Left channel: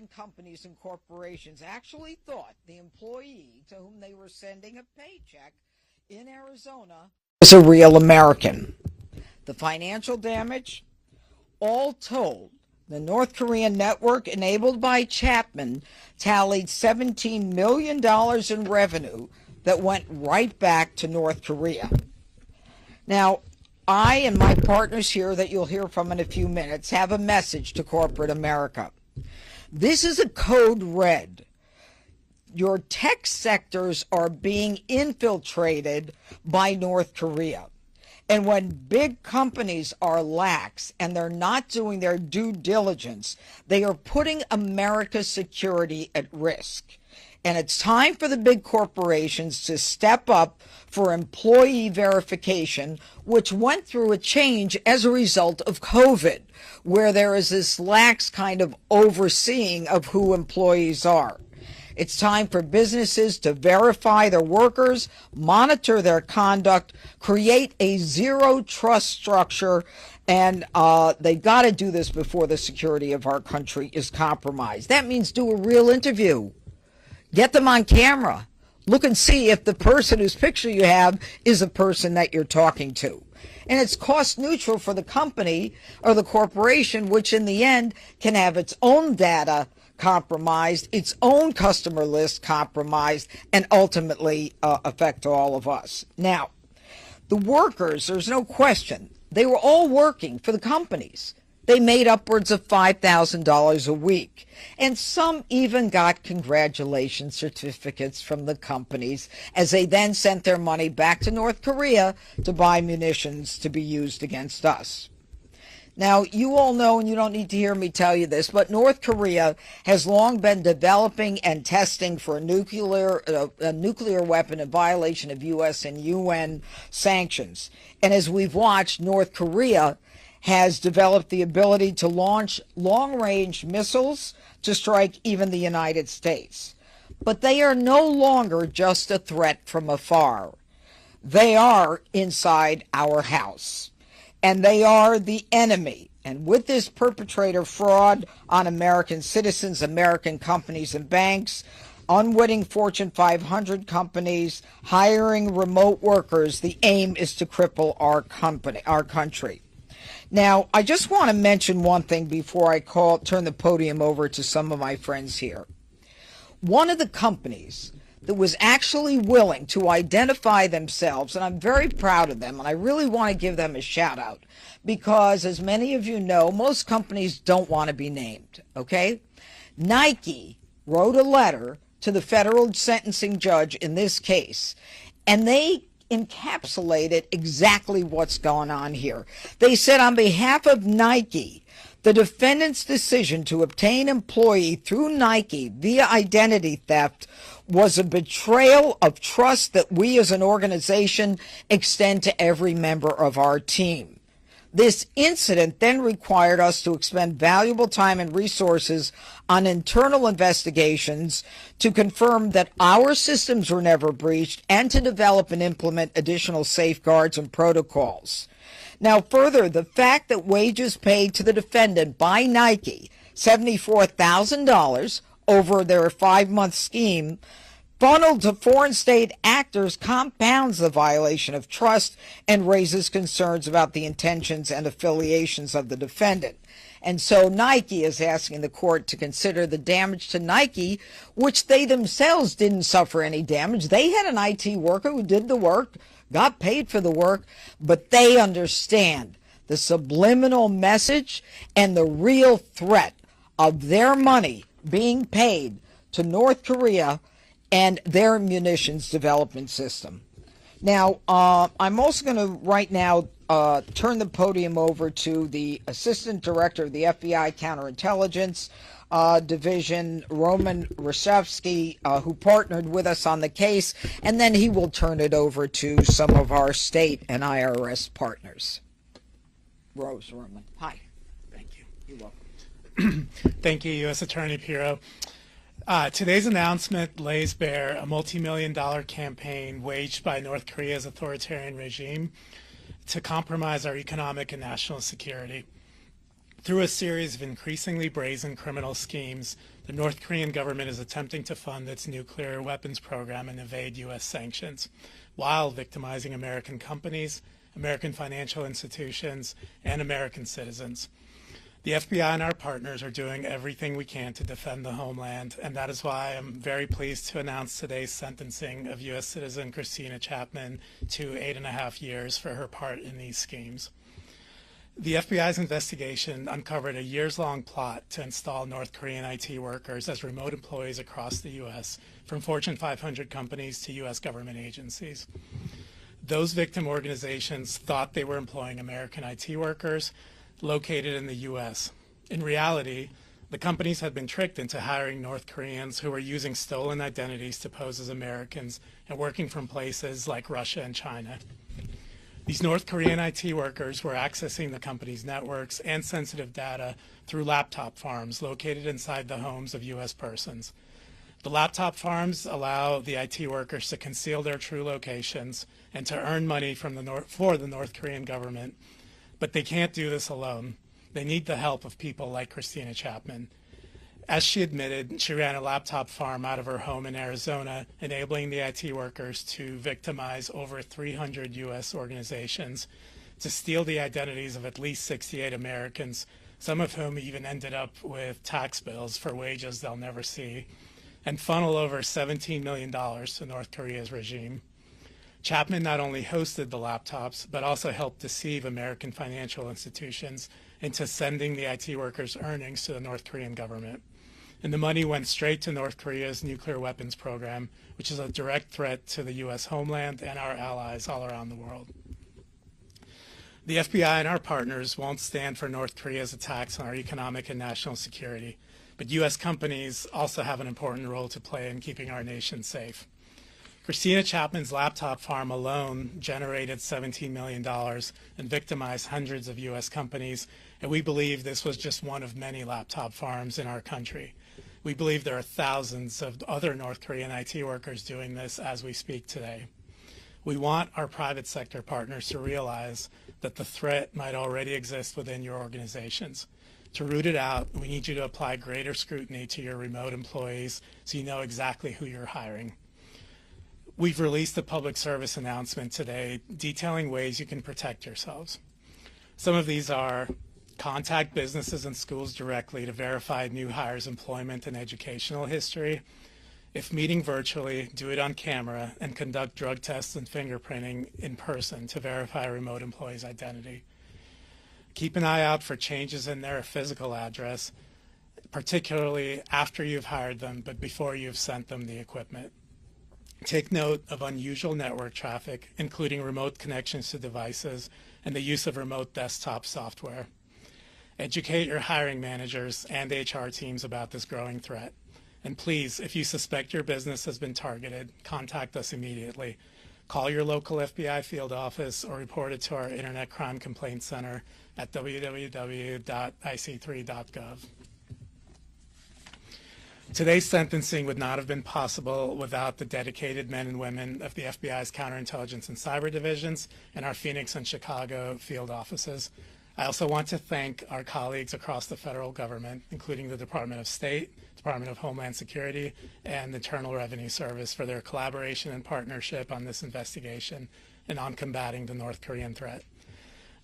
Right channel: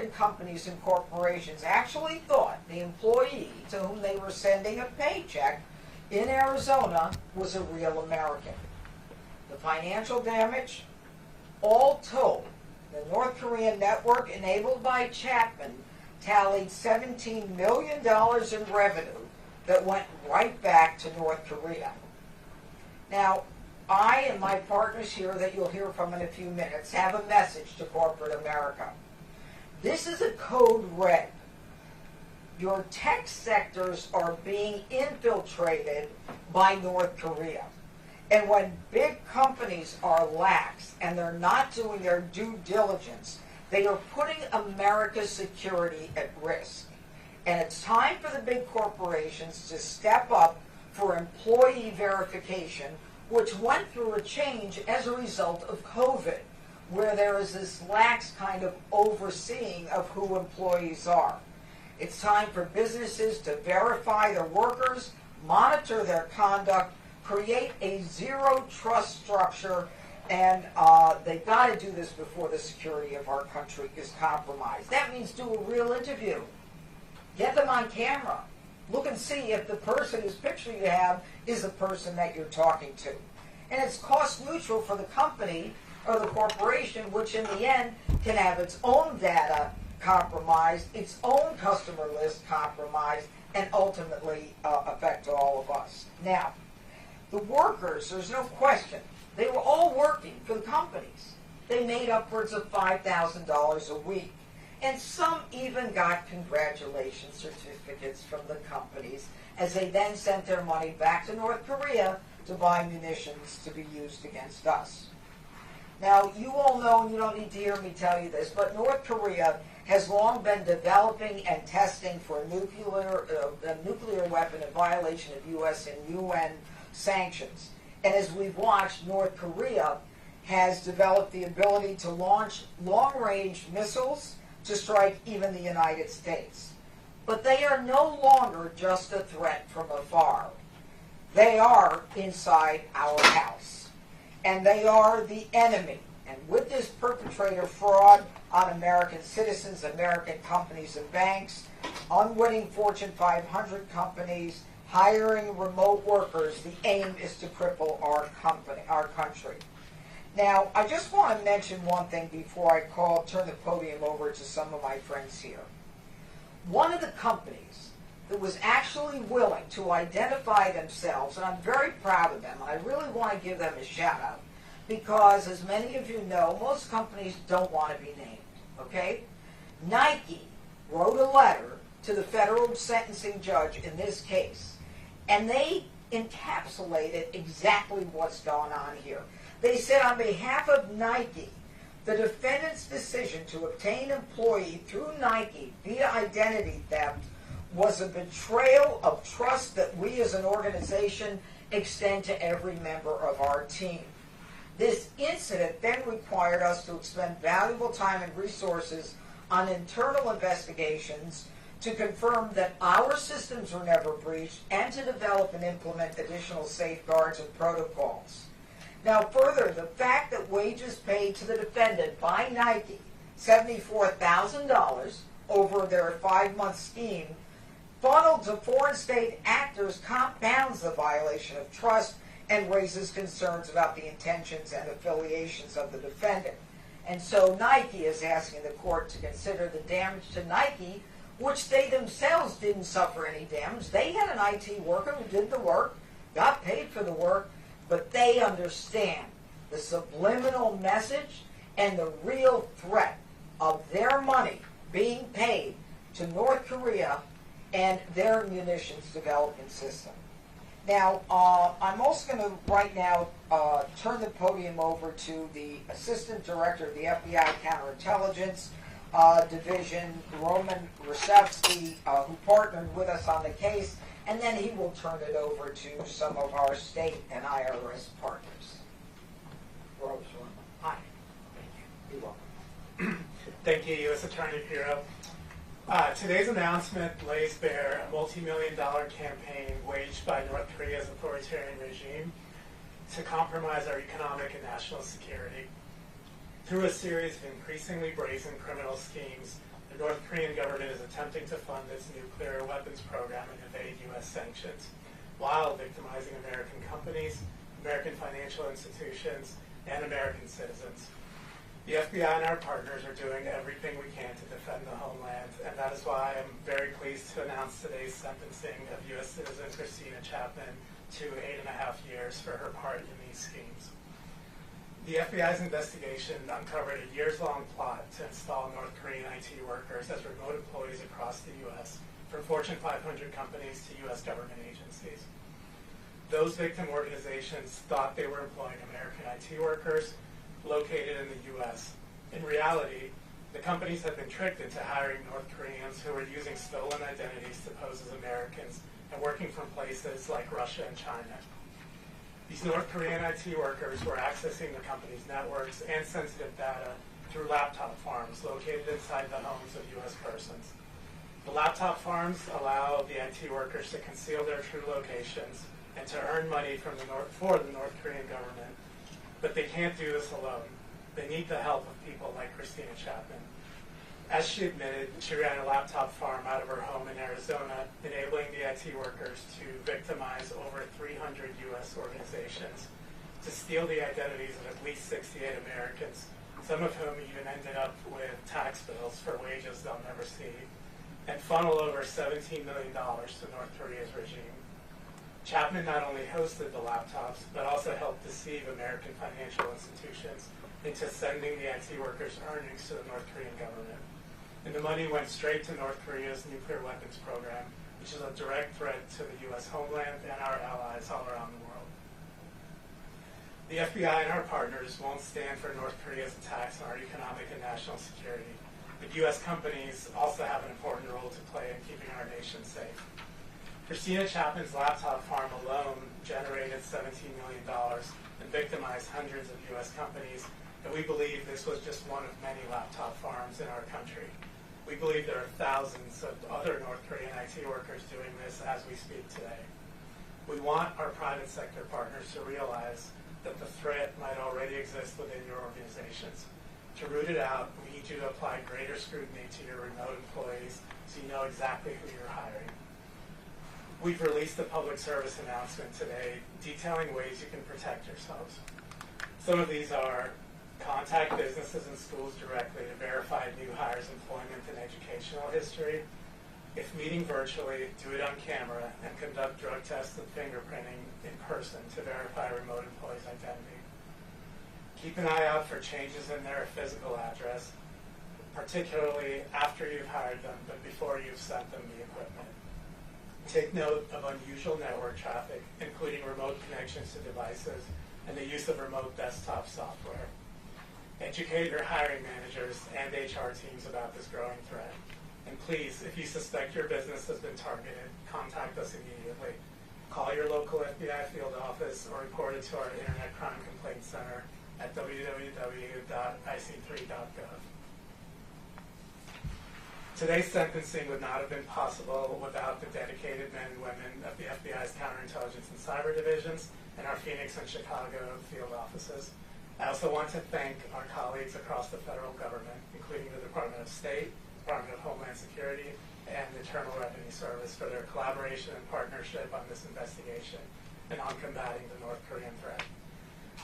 American companies and corporations actually thought the employee to whom they were sending a paycheck in Arizona was a real American. The financial damage, all told, the North Korean network enabled by Chapman tallied $17 million in revenue that went right back to North Korea. Now, I and my partners here that you'll hear from in a few minutes have a message to corporate America. This is a code red. Your tech sectors are being infiltrated by North Korea. And when big companies are lax and they're not doing their due diligence, they are putting America's security at risk. And it's time for the big corporations to step up for employee verification, which went through a change as a result of COVID, where there is this lax kind of overseeing of who employees are. It's time for businesses to verify their workers, monitor their conduct, create a zero trust structure, and they've got to do this before the security of our country is compromised. That means do a real interview. Get them on camera. Look and see if the person whose picture you have is the person that you're talking to. And it's cost neutral for the company or the corporation, which in the end can have its own data compromised, its own customer list compromised, and ultimately affect all of us. Now, the workers, there's no question, they were all working for the companies. They made upwards of $5,000 a week. And some even got congratulation certificates from the companies as they then sent their money back to North Korea to buy munitions to be used against us. Now, you all know, and you don't need to hear me tell you this, but North Korea has long been developing and testing for a nuclear weapon in violation of U.S. and UN sanctions. And as we've watched, North Korea has developed the ability to launch long-range missiles to strike even the United States. But they are no longer just a threat from afar. They are inside our house. And they are the enemy. And with this perpetrator fraud on American citizens, American companies and banks, unwitting Fortune 500 companies, hiring remote workers, the aim is to cripple our country. Now, I just want to mention one thing before I turn the podium over to some of my friends here. One of the companies that was actually willing to identify themselves, and I'm very proud of them, and I really want to give them a shout out, because as many of you know, most companies don't want to be named, okay? Nike wrote a letter to the federal sentencing judge in this case, and they encapsulated exactly what's going on here. They said, on behalf of Nike, the defendant's decision to obtain employee through Nike via identity theft was a betrayal of trust that we as an organization extend to every member of our team. This incident then required us to expend valuable time and resources on internal investigations to confirm that our systems were never breached and to develop and implement additional safeguards and protocols. Now further, the fact that wages paid to the defendant by Nike, $74,000 over their 5-month scheme, funneled to foreign state actors compounds the violation of trust and raises concerns about the intentions and affiliations of the defendant. And so Nike is asking the court to consider the damage to Nike, which they themselves didn't suffer any damage. They had an IT worker who did the work, got paid for the work, but they understand the subliminal message and the real threat of their money being paid to North Korea and their munitions development system. Now, I'm also going to right now turn the podium over to the Assistant Director of the FBI Counterintelligence Division, Roman Rashevsky, who partnered with us on the case, and then he will turn it over to some of our state and IRS partners. Rose, Roman. Hi. Thank you. You're welcome. Thank you, US Attorney Pirro. Today's announcement lays bare a multi-million-dollar campaign waged by North Korea's authoritarian regime to compromise our economic and national security. Through a series of increasingly brazen criminal schemes, the North Korean government is attempting to fund its nuclear weapons program and evade U.S. sanctions, while victimizing American companies, American financial institutions, and American citizens. The FBI and our partners are doing everything we can to defend the homeland, and that is why I'm very pleased to announce today's sentencing of U.S. citizen Christina Chapman to 8.5 years for her part in these schemes. The FBI's investigation uncovered a years-long plot to install North Korean IT workers as remote employees across the U.S., from Fortune 500 companies to U.S. government agencies. Those victim organizations thought they were employing American IT workers located in the U.S. In reality, the companies had been tricked into hiring North Koreans who were using stolen identities to pose as Americans and working from places like Russia and China. These North Korean IT workers were accessing the company's networks and sensitive data through laptop farms located inside the homes of U.S. persons. The laptop farms allow the IT workers to conceal their true locations and to earn money for the North Korean government, but they can't do this alone. They need the help of people like Christina Chapman. As she admitted, she ran a laptop farm out of her home in Arizona, enabling the IT workers to victimize over 300 U.S. organizations, to steal the identities of at least 68 Americans, some of whom even ended up with tax bills for wages they'll never see, and funnel over $17 million to North Korea's regime. Chapman not only hosted the laptops, but also helped deceive American financial institutions into sending the IT workers' earnings to the North Korean government. And the money went straight to North Korea's nuclear weapons program, which is a direct threat to the U.S. homeland and our allies all around the world. The FBI and our partners won't stand for North Korea's attacks on our economic and national security, but U.S. companies also have an important role to play in keeping our nation safe. Christina Chapman's laptop farm alone generated $17 million and victimized hundreds of U.S. companies, and we believe this was just one of many laptop farms in our country. We believe there are thousands of other North Korean IT workers doing this as we speak today. We want our private sector partners to realize that the threat might already exist within your organizations. To root it out, we need you to apply greater scrutiny to your remote employees so you know exactly who you're hiring. We've released a public service announcement today detailing ways you can protect yourselves. Some of these are: contact businesses and schools directly to verify new hires' employment and educational history. If meeting virtually, do it on camera and conduct drug tests and fingerprinting in person to verify a remote employee's identity. Keep an eye out for changes in their physical address, particularly after you've hired them but before you've sent them the equipment. Take note of unusual network traffic, including remote connections to devices and the use of remote desktop software. Educate your hiring managers and HR teams about this growing threat. And please, if you suspect your business has been targeted, contact us immediately. Call your local FBI field office or report it to our Internet Crime Complaint Center at www.ic3.gov. Today's sentencing would not have been possible without the dedicated men and women of the FBI's Counterintelligence and Cyber Divisions and our Phoenix and Chicago field offices. I also want to thank our colleagues across the federal government, including the Department of State, Department of Homeland Security, and the Internal Revenue Service for their collaboration and partnership on this investigation and on combating the North Korean threat.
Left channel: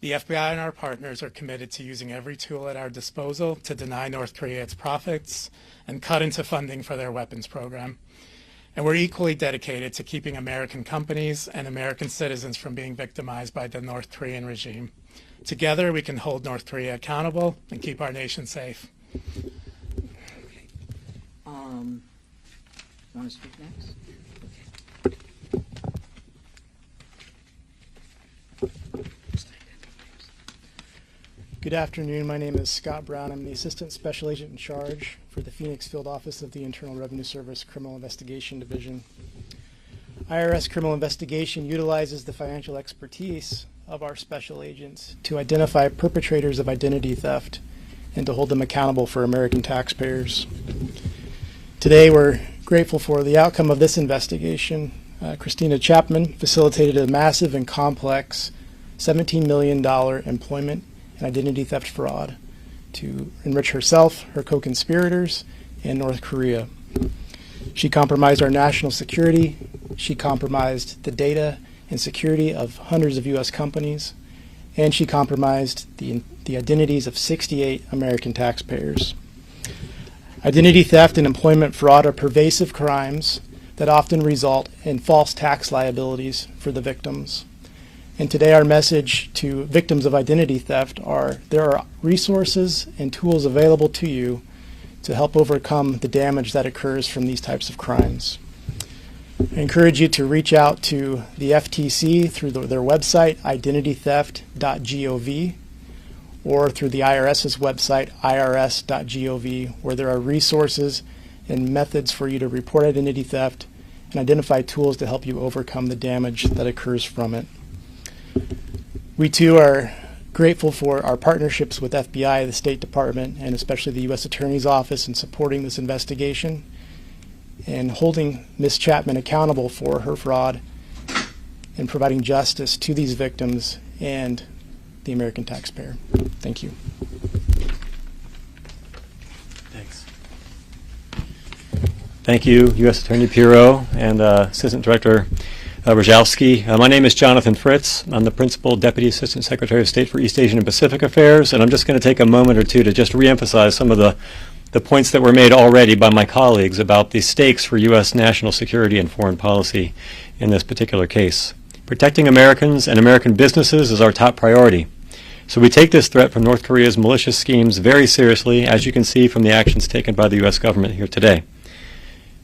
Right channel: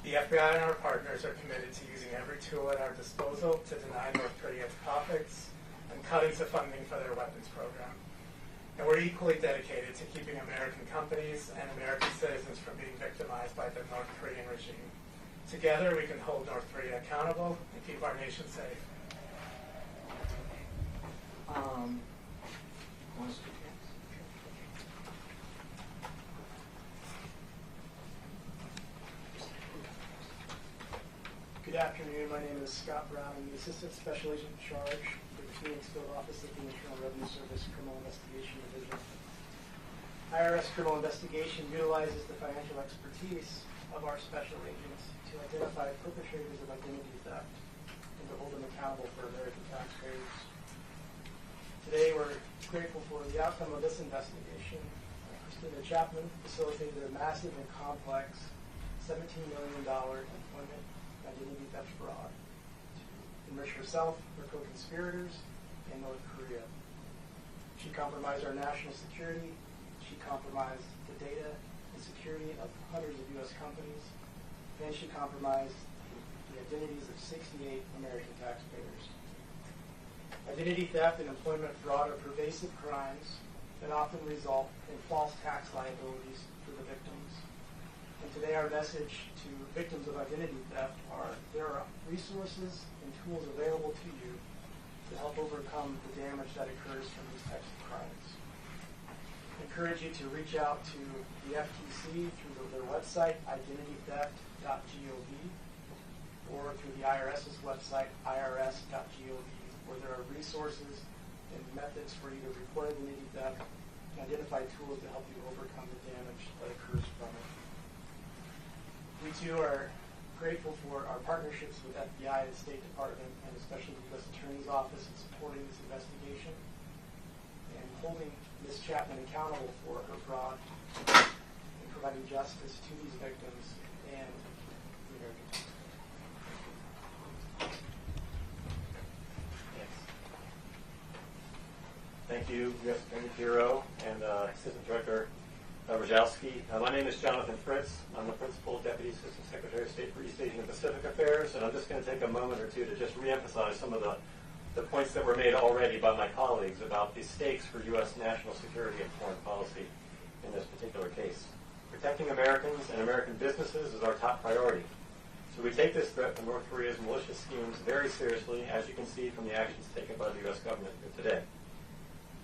The FBI and our partners are committed to using every tool at our disposal to deny North Korea its profits and cut into funding for their weapons program. And we're equally dedicated to keeping American companies and American citizens from being victimized by the North Korean regime. Together, we can hold North Korea accountable and keep our nation safe. Want to speak next? Good afternoon. My name is Scott Brown. I'm the Assistant Special Agent in charge for the Phoenix Field Office of the Internal Revenue Service Criminal Investigation Division. IRS Criminal Investigation utilizes the financial expertise of our special agents to identify perpetrators of identity theft and to hold them accountable for American taxpayers. Today, we're grateful for the outcome of this investigation. Christina Chapman facilitated a massive and complex $17 million employment and identity theft fraud to enrich herself, her co-conspirators, and North Korea. She compromised our national security. She compromised the data and security of hundreds of U.S. companies, and she compromised the identities of 68 American taxpayers. Identity theft and employment fraud are pervasive crimes that often result in false tax liabilities for the victims. And today our message to victims of identity theft are there are resources and tools available to you to help overcome the damage that occurs from these types of crimes. I encourage you to reach out to the FTC through their website, identitytheft.gov, or through the IRS's website, irs.gov, where there are resources and methods for you to report identity theft and identify tools to help you overcome the damage that occurs from it. We too are grateful for our partnerships with FBI, the State Department, and especially the U.S. Attorney's Office in supporting this investigation and holding Ms. Chapman accountable for her fraud and providing justice to these victims and the American taxpayer. Thank you. Thanks. Thank you, U.S. Attorney Pirro and Assistant Director Rajowski. My name is Jonathan Fritz. I'm the Principal Deputy Assistant Secretary of State for East Asian and Pacific Affairs, and I'm just going to take a moment or two to just reemphasize some of the points that were made already by my colleagues about the stakes for U.S. national security and foreign policy in this particular case. Protecting Americans and American businesses is our top priority. So we take this threat from North Korea's malicious schemes very seriously, as you can see from the actions taken by the U.S. government here today.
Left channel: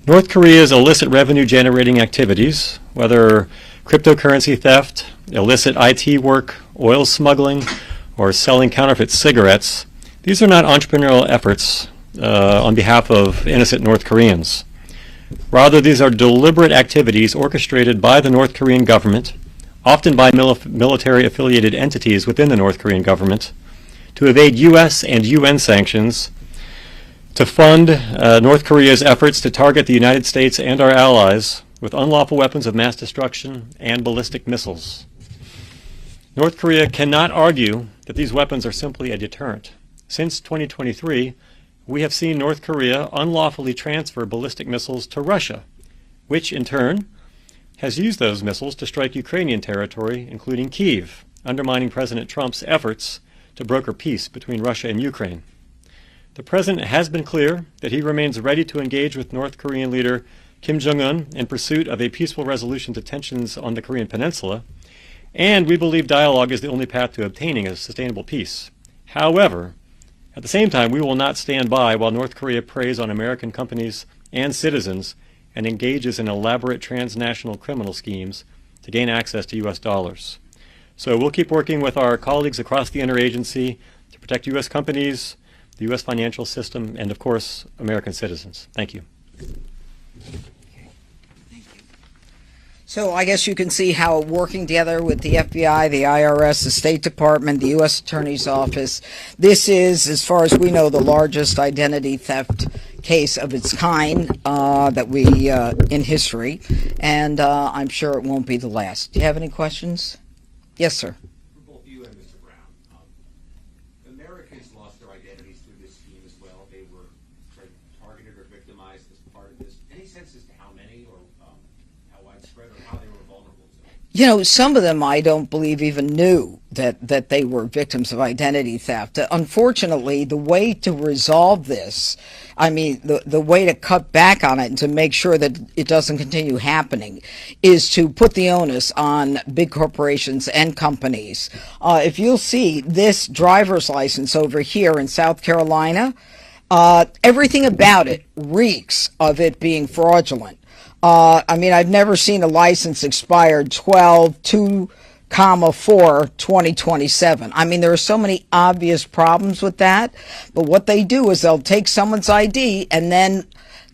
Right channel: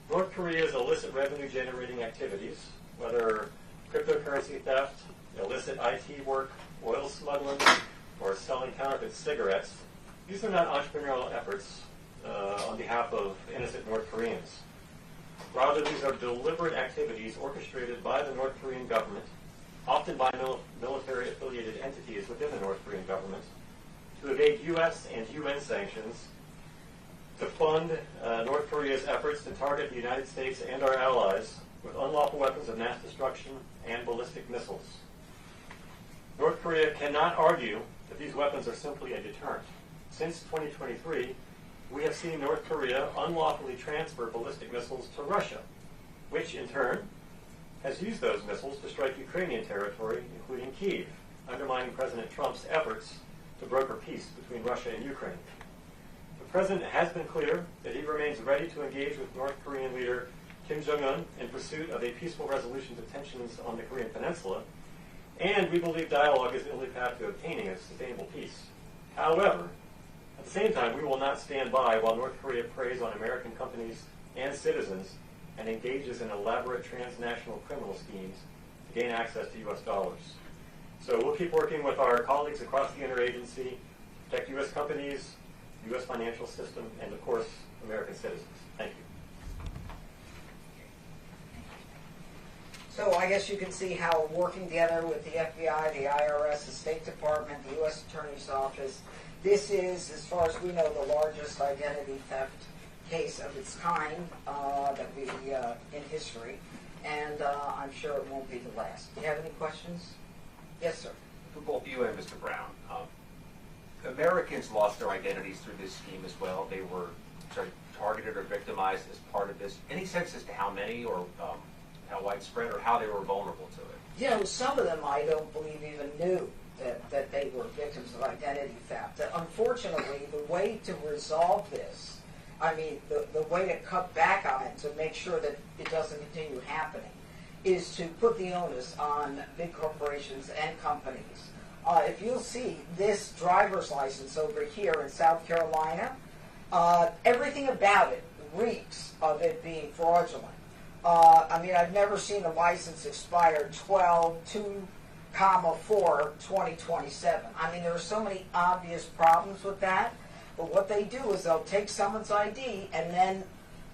North Korea's illicit revenue-generating activities, whether cryptocurrency theft, illicit IT work, oil smuggling, or selling counterfeit cigarettes, these are not entrepreneurial efforts on behalf of innocent North Koreans. Rather, these are deliberate activities orchestrated by the North Korean government, often by military-affiliated entities within the North Korean government, to evade U.S. and UN sanctions, to fund North Korea's efforts to target the United States and our allies with unlawful weapons of mass destruction and ballistic missiles. North Korea cannot argue that these weapons are simply a deterrent. Since 2023, we have seen North Korea unlawfully transfer ballistic missiles to Russia, which in turn has used those missiles to strike Ukrainian territory, including Kyiv, undermining President Trump's efforts to broker peace between Russia and Ukraine. The President has been clear that he remains ready to engage with North Korean leader Kim Jong-un in pursuit of a peaceful resolution to tensions on the Korean Peninsula, and we believe dialogue is the only path to obtaining a sustainable peace. However, at the same time, we will not stand by while North Korea preys on American companies and citizens and engages in elaborate transnational criminal schemes to gain access to U.S. dollars. So we'll keep working with our colleagues across the interagency to protect U.S. companies, the U.S. financial system, and of course, American citizens. Thank you. So I guess you can see how working together with the FBI, the IRS, the State Department, the U.S. Attorney's Office, this is, as far as we know, the largest identity theft case of its kind that we in history, and I'm sure it won't be the last. Do you have any questions? Yes, sir. For both you and Mr. Brown, Americans lost their identities through this scheme as well. They were targeted or victimized as part of this. Any sense as to how many or how widespread or how they were vulnerable to it? You know, some of them I don't believe even knew that they were victims of identity theft. Unfortunately, the way to resolve this, I mean, the way to cut back on it and to make sure that it doesn't continue happening is to put the onus on big corporations and companies. If you'll see this driver's license over here in South Carolina, everything about it reeks of it being fraudulent. I mean, I've never seen a license expired 12/2/4/2027. I mean, there are so many obvious problems with that. But what they do is they'll take someone's ID and then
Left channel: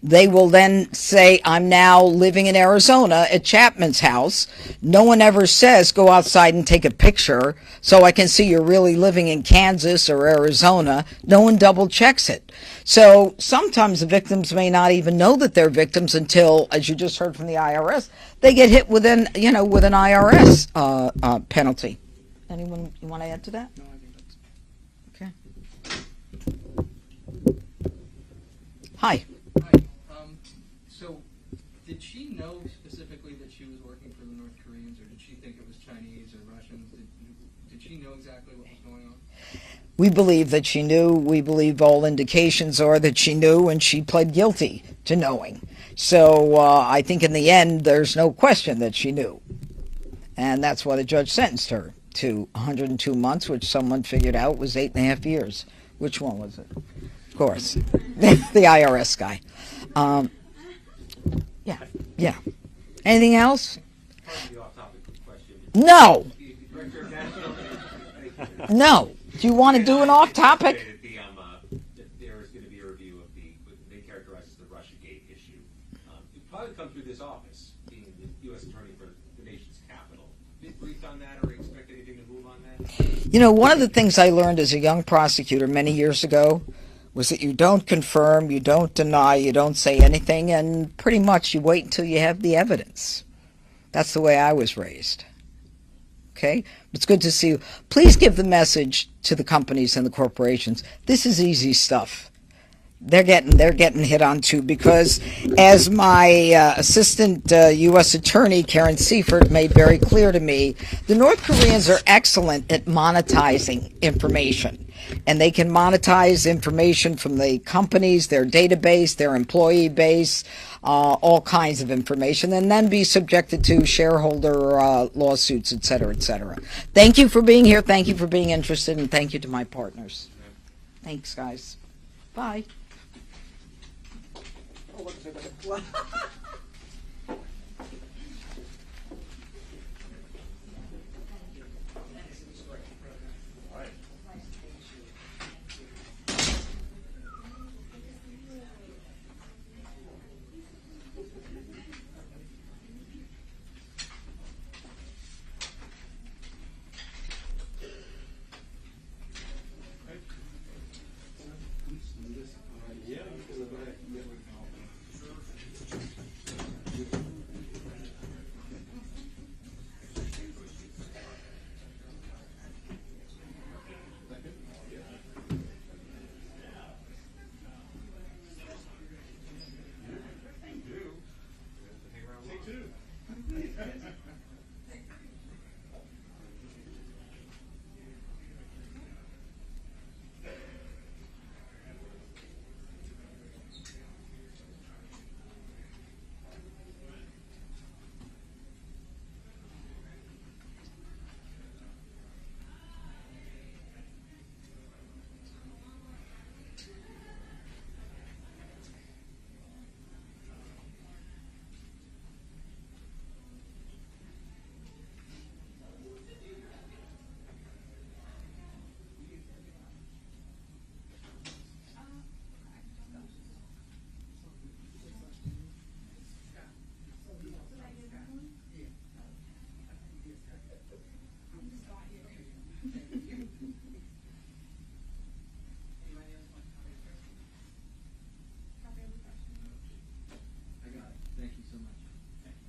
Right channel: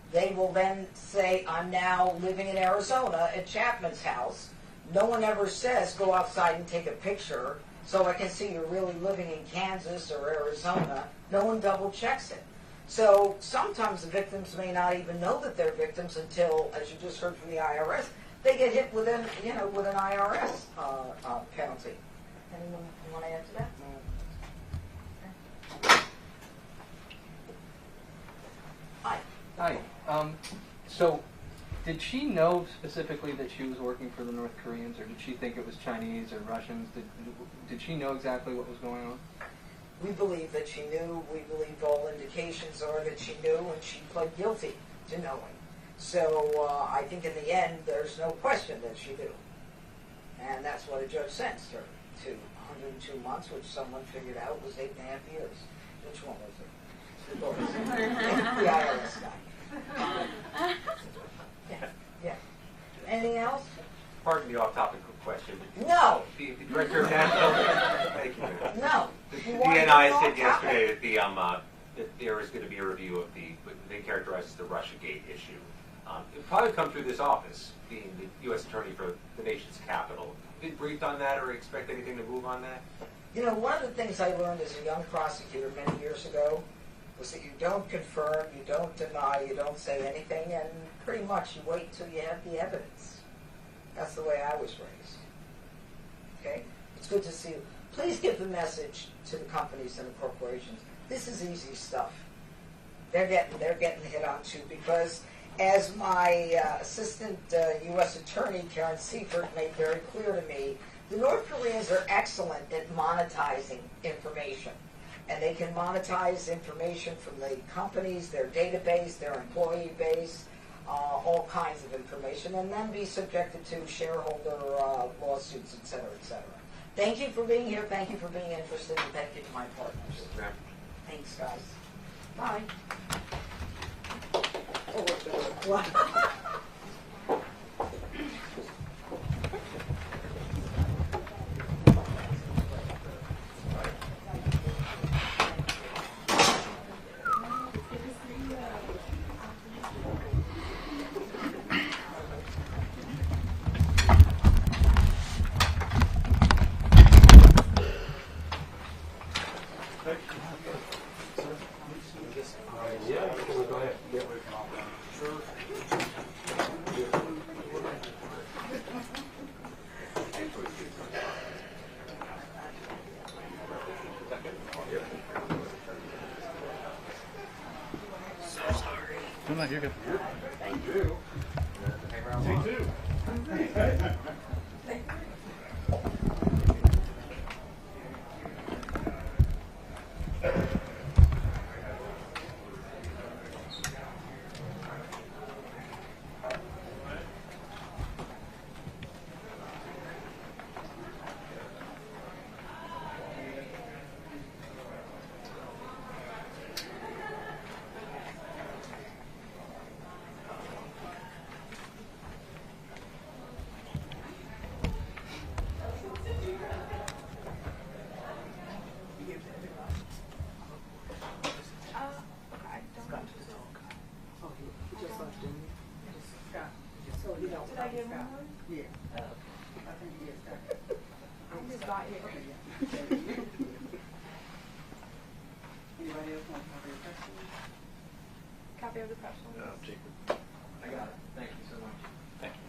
they will then say, I'm now living in Arizona at Chapman's house. No one ever says, go outside and take a picture so I can see you're really living in Kansas or Arizona. No one double checks it. So sometimes the victims may not even know that they're victims until, as you just heard from the IRS, they get hit with an, with an IRS penalty. Anyone want to add to that? Okay. Hi. Hi. So, did she know specifically that she was working for the North Koreans, or did she think it was Chinese or Russians? Did she know exactly what was going on? We believe that she knew. We believe all indications are that she knew, and she pled guilty to knowing. So I think in the end, there's no question that she knew. And that's why the judge sentenced her to 102 months, which someone figured out was 8.5 years. Which one was it? Of course, the IRS guy. Yeah. Anything else? Pardon the off-topic question. No. The director of national. Thank you. No. Do you want to do an off-topic? That there is going to be a review of what they characterize as the Russiagate issue. It'll probably come through this office, being the U.S. Attorney for the nation's capital. Been briefed on that, or expect anything to move on that? You know, one of the things I learned as a young prosecutor many years ago was that you don't confirm, you don't deny, you don't say anything, and pretty much you wait until you have the evidence. That's the way I was raised. Okay? It's good to see you. Please give the message to the companies and the corporations. This is easy stuff. They're getting hit on too, because as my assistant U.S. Attorney Karen Seifert made very clear to me, the North Koreans are excellent at monetizing information. And they can monetize information from the companies, their database, their employee base, all kinds of information, and then be subjected to shareholder lawsuits, et cetera, et cetera. Thank you for being here. Thank you for being interested, and thank you to my partners. Thanks, guys. Bye. Copy of the press release. I got it. Thank you so much. Thank you.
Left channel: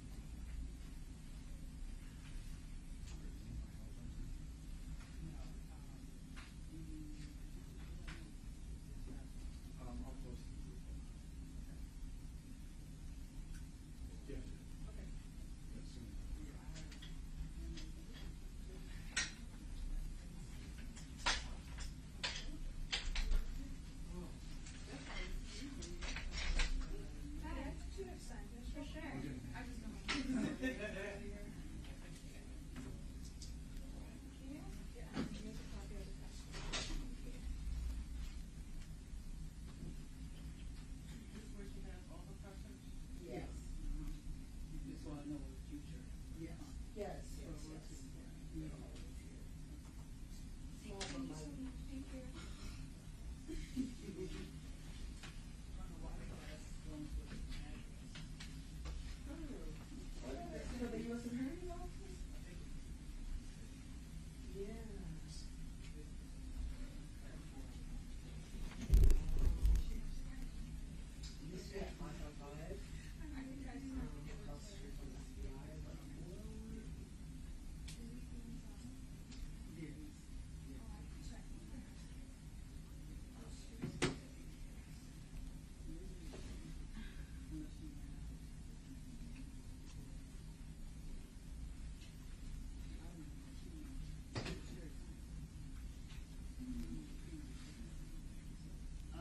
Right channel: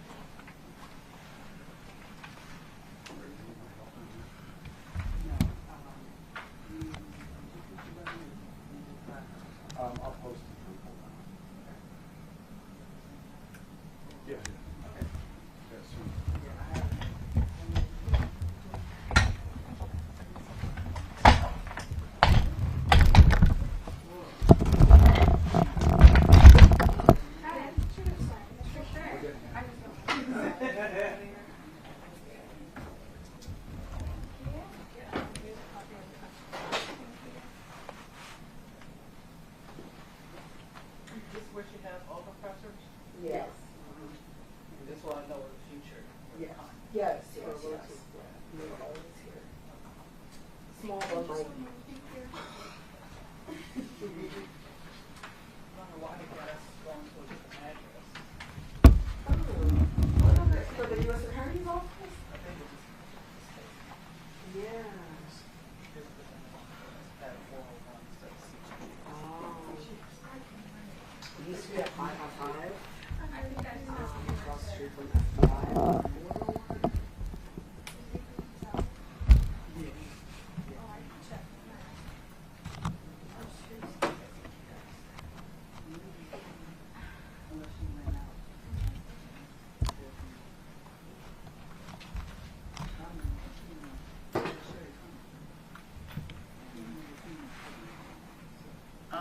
I'll post it. Yeah. Okay. Yes,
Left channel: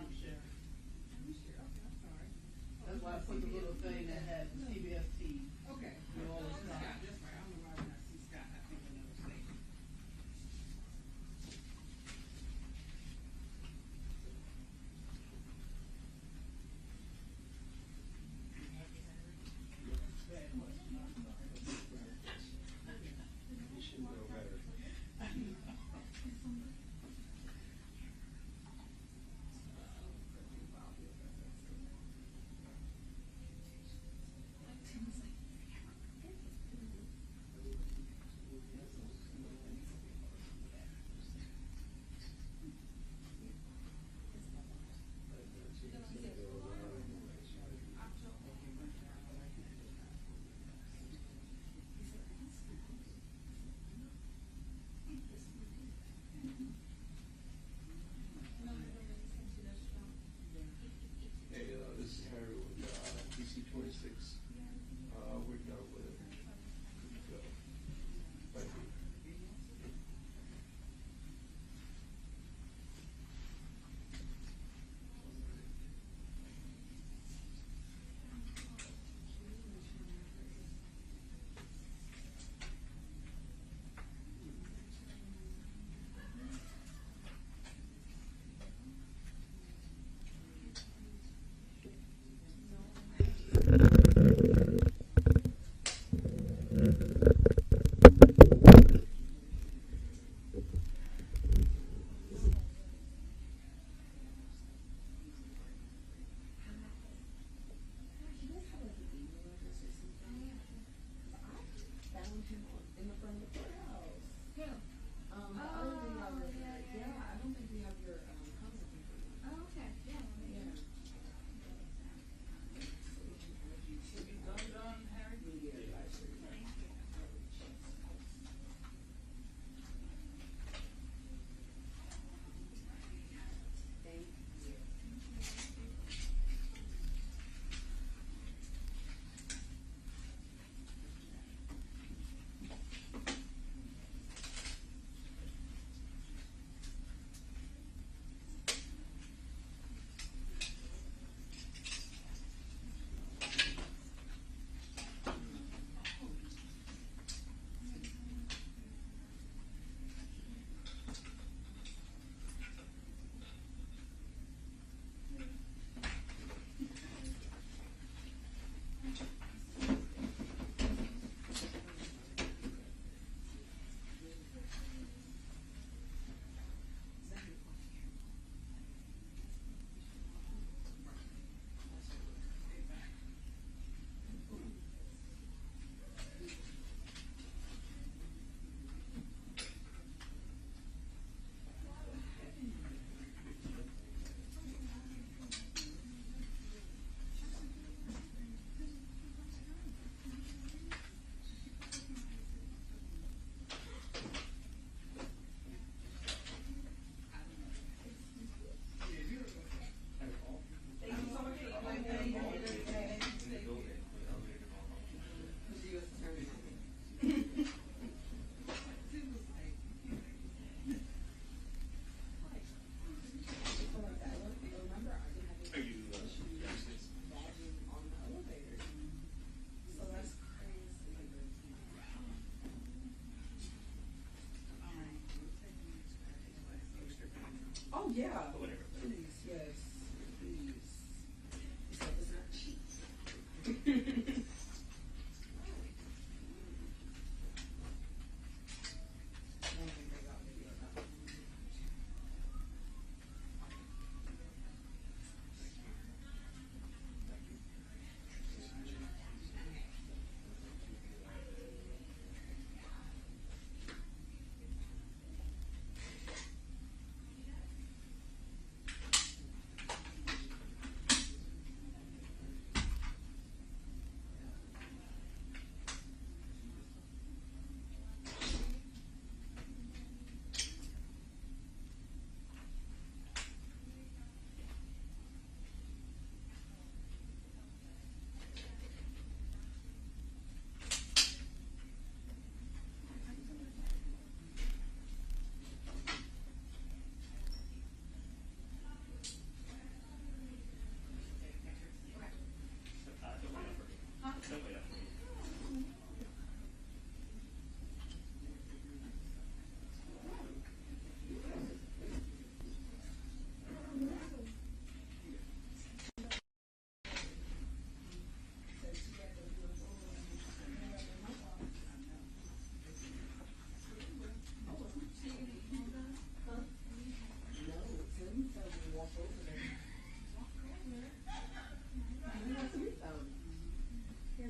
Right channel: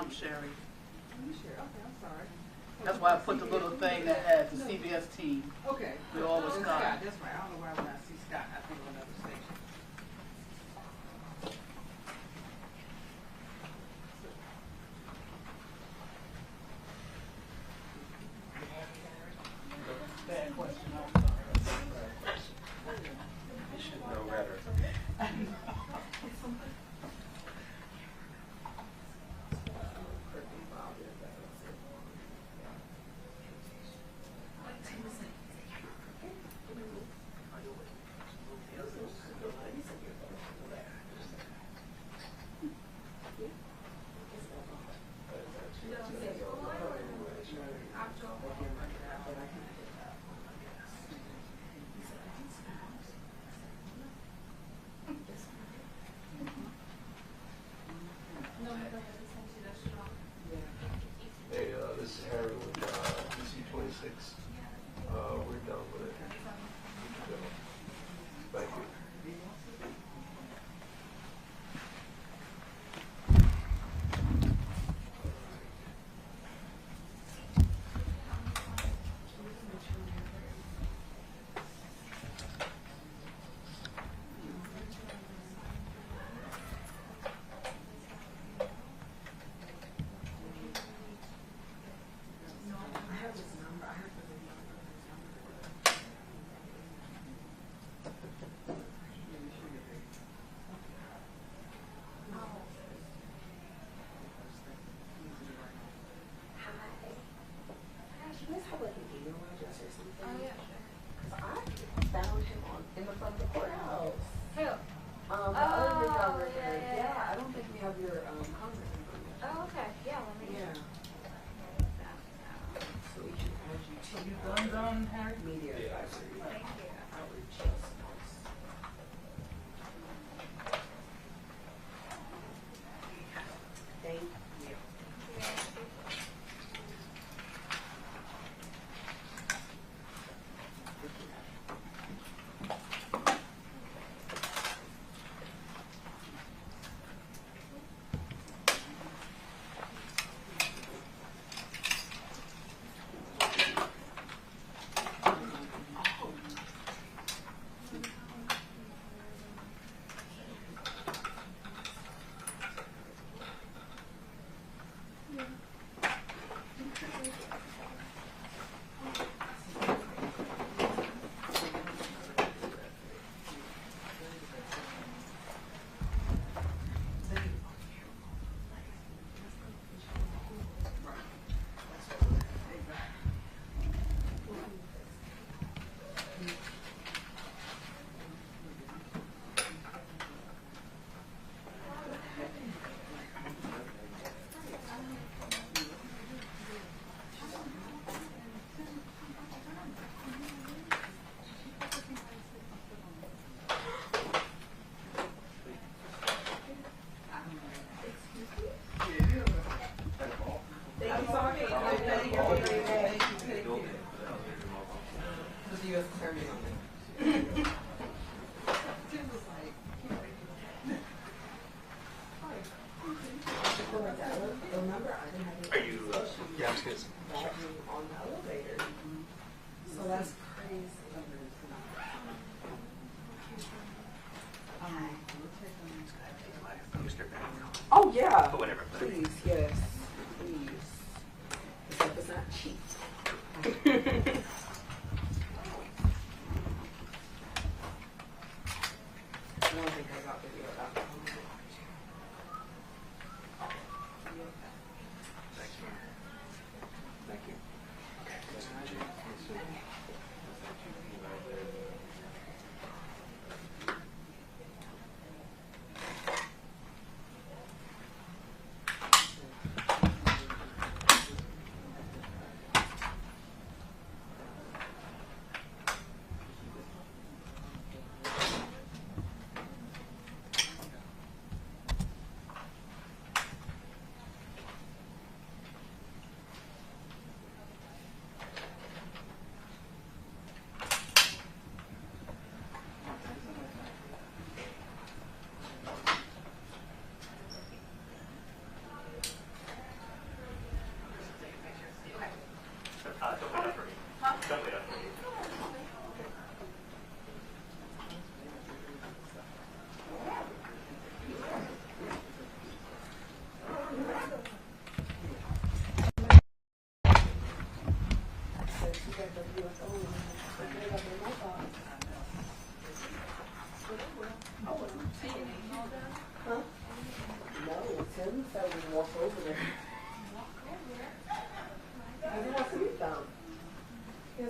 I'm Sherry. That's why I put the little thing that had the CBS team. Okay. We always Scott. got. That's right. I don't know why when I see Scott, I think of another station. Bad question. No matter. Hey, this is Harry with DC 26. We're done with it. So, thank you.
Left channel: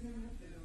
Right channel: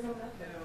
no, no, no.